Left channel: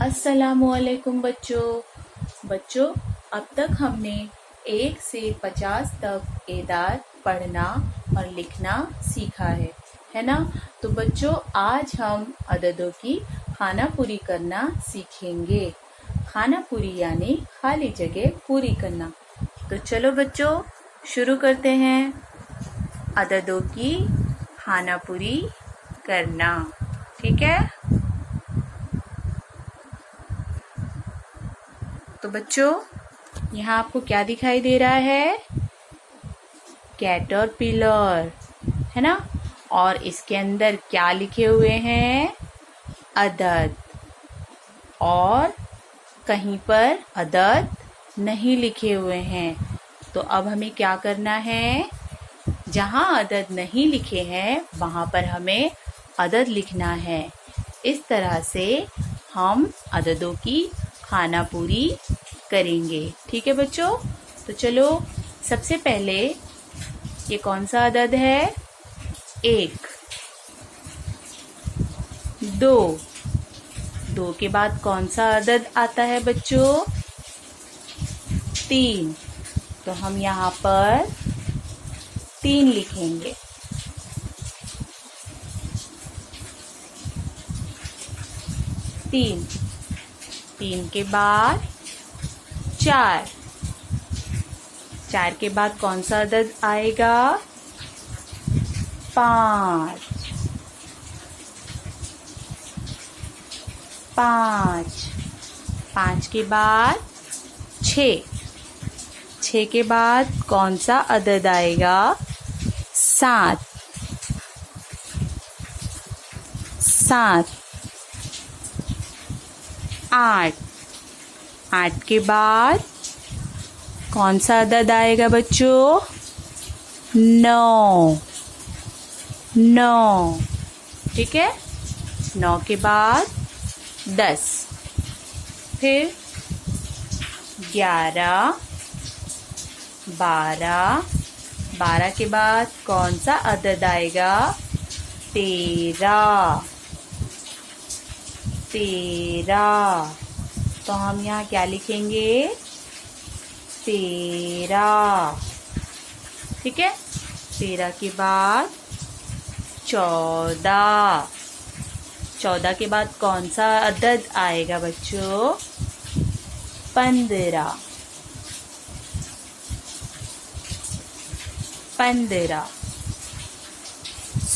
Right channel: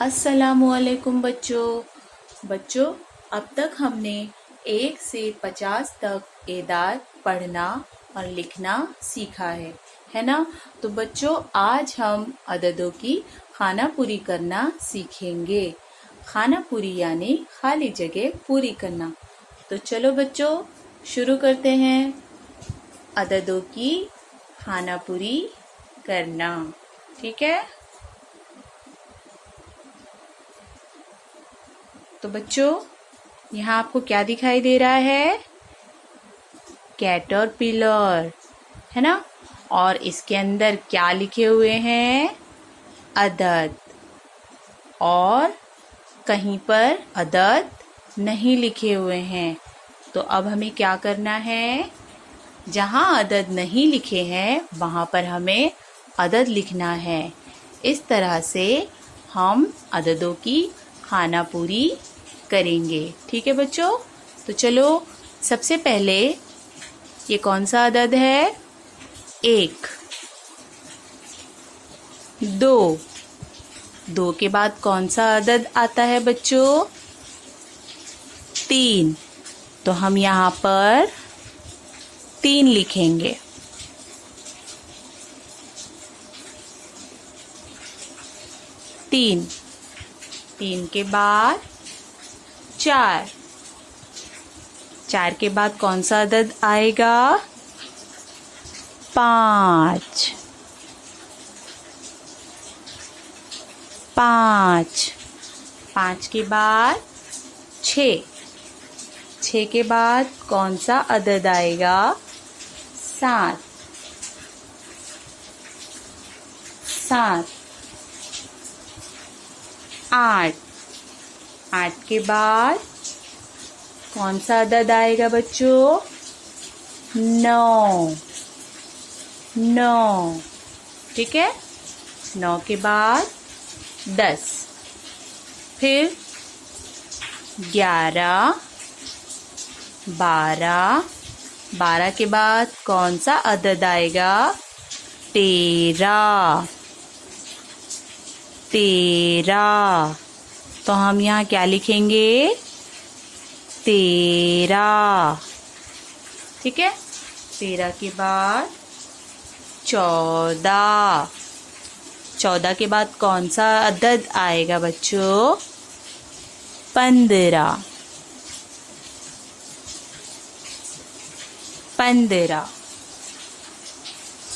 अस्सलामुअलैकुम बच्चों, अब तक हमने 1 से 50 तक एदाद पढ़ना और लिखना सीखा है ना। तो बच्चों, आज हम अददों की खाना पूरी करना सीखेंगे। खाना पूरी यानी खाली जगह पूरी करना। तो चलो बच्चों, शुरू करते हैं अददों की खाना पूरी करना। ठीक है। तो बच्चों, यहाँ आपको क्या दिखाई दे रहा है? कैटरपिलर, है ना। और इसके अंदर क्या लिखे हुए हैं? अदद। और कहीं पर अदद नहीं लिखे हुए हैं। तो अब हमें क्या करना है? जहाँ अदद नहीं लिखे हैं वहाँ पर हमें अदद लिखना है। इस तरह से हम अददों की खाना पूरी करेंगे। ठीक है बच्चों। तो चलो, सबसे पहले ये कौन सा अदद है? 1, 2। 2 के बाद कौन सा अदद आता है बच्चों? 3। तो हम यहाँ पर 3 लिखेंगे। 3 के बाद 4। 4 के बाद कौन सा अदद आएगा? 5। 5 के बाद 6। 6 के बाद कौन सा अदद आएगा? 7। 8 के बाद कौन सा अदद आएगा बच्चों? 9। ठीक है। 9 के बाद 10। फिर 11, 12। 12 के बाद कौन सा अदद आएगा? 13। तो हम यहाँ क्या लिखेंगे? 13। ठीक है। 13 के बाद 14। 14 के बाद कौन सा अदद आएगा बच्चों? 15।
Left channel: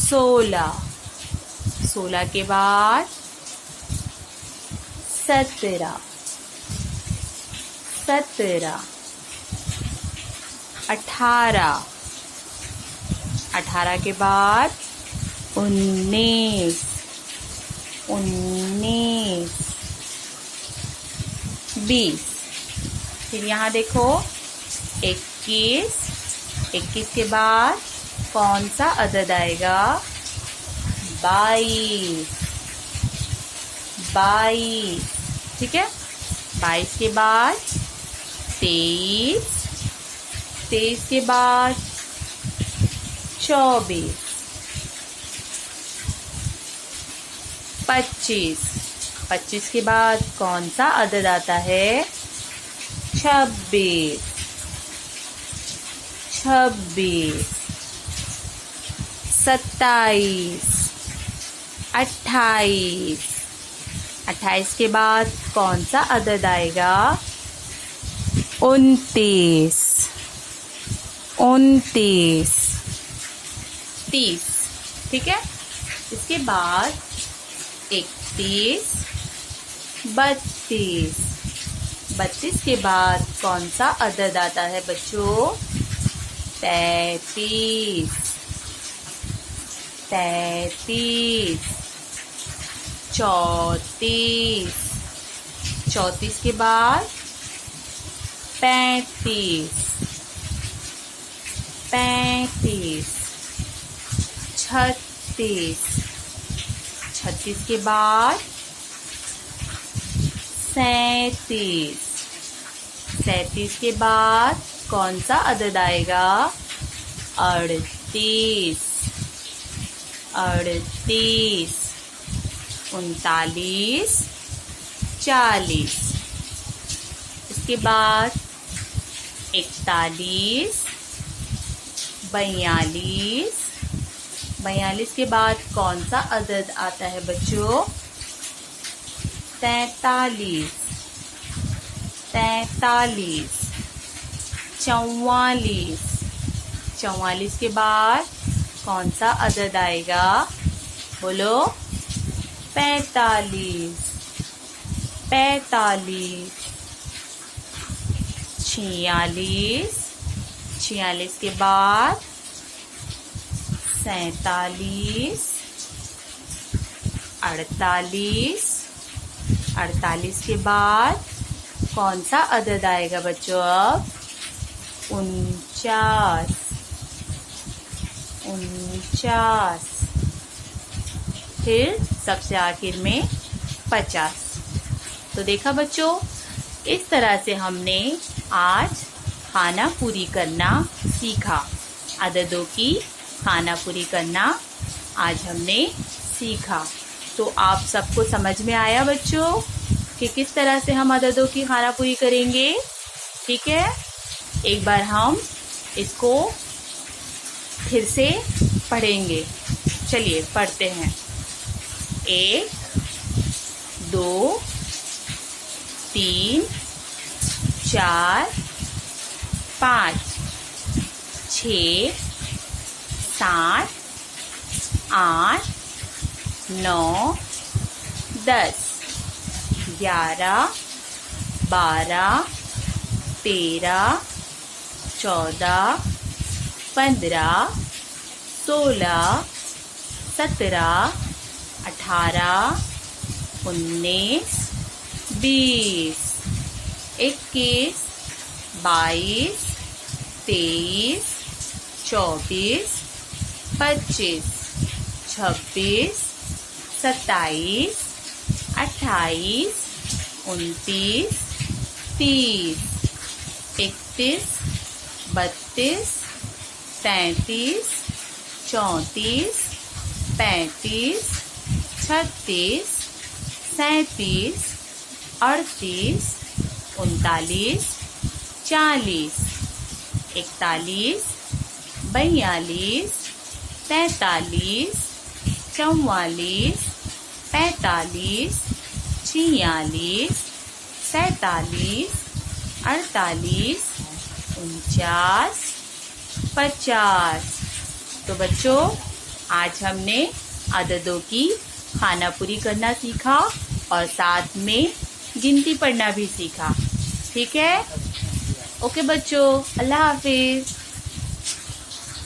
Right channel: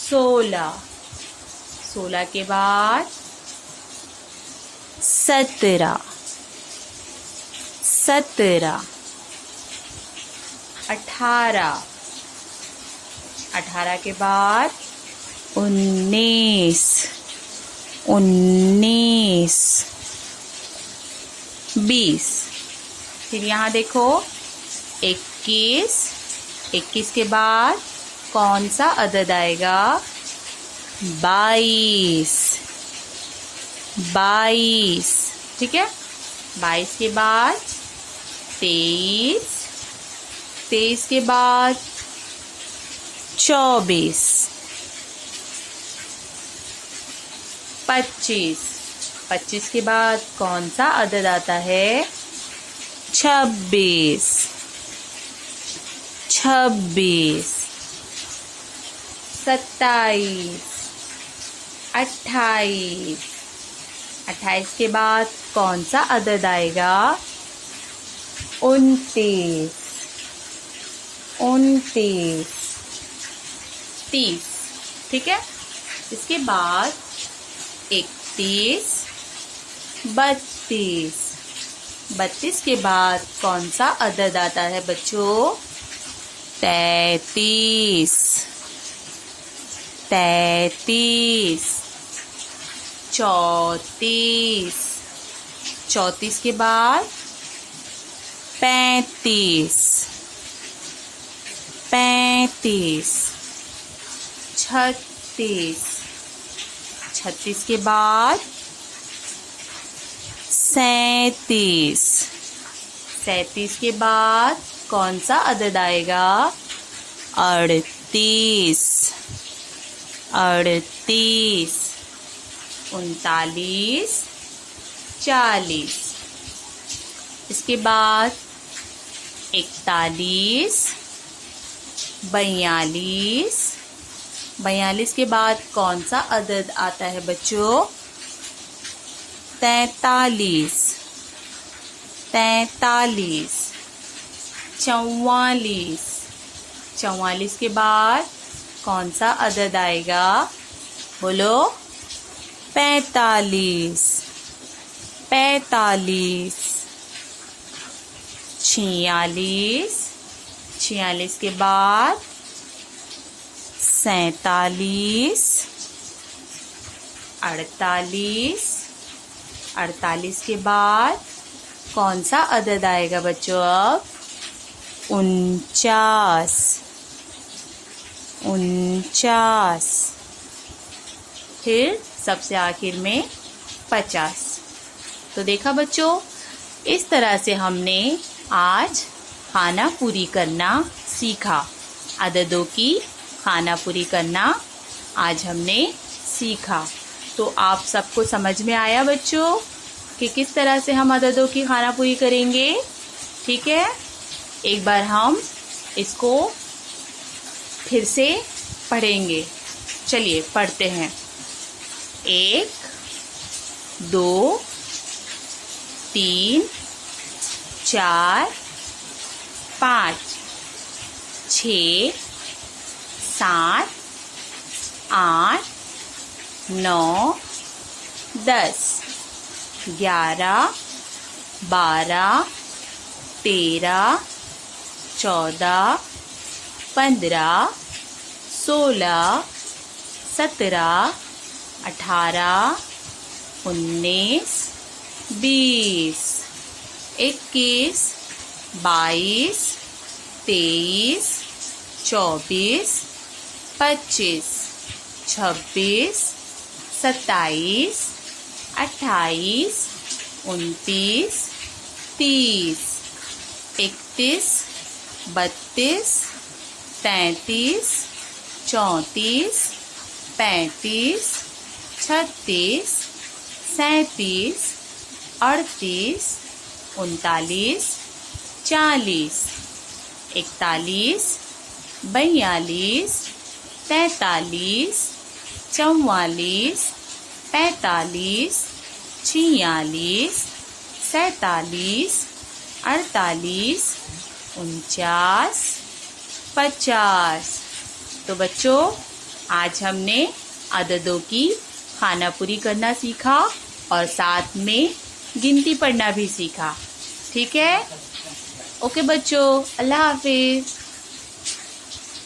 16। 16 के बाद 17। 18। 18 के बाद 19। 20। फिर यहाँ देखो 21। 21 के बाद कौन सा अदद आएगा? 22। ठीक है। 22 के बाद 23। 23 के बाद 24। 25 के बाद कौन सा अदद आता है? 26। 27। 28। 28 के बाद कौन सा अदद आएगा? 29। 30। ठीक है। इसके बाद 31। 32। 32 के बाद कौन सा अदद आता है बच्चों? 33। 34। 34 के बाद 35। 36। 36 के बाद 37। 37 के बाद कौन सा अदद आएगा? 38। 39। 40। इसके बाद 41, 42। 42 के बाद कौन सा अदद आता है बच्चों? 43, 44। 44, 44 के बाद कौन सा अदद आएगा? बोलो। 45, 45। 46, 46 के बाद 47, 48। 48 के बाद कौन सा अदद आएगा बच्चों अब? 49, 49। फिर सबसे आखिर में 50। तो देखा बच्चों, इस तरह से हमने आज खानापुरी करना सीखा। अददों की खानापुरी करना आज हमने सीखा। तो आप सबको समझ में आया बच्चों कि किस तरह से हम अददों की खानापुरी करेंगे? ठीक है, एक बार हम इसको फिर से पढ़ेंगे। चलिए पढ़ते हैं। 1, 2, 3, 4, 5, 6, 7, 8, 9, 10, 11, 12, 13, 14, 15, 16, 17, 18, 19, 20, 21, 22, 23, 24, 25, 26, 27, 28, 29, 30, 31, 32, 33, 34, 35, 36, 37, 38, 39, 40, 41, 42, 43, 44, 45, 46, 47, 48, 49, 50। तो बच्चों, आज हमने अददों की खानापुरी करना सीखा और साथ में गिनती पढ़ना भी सीखा। ठीक है? ओके बच्चों, अल्लाह हाफिज।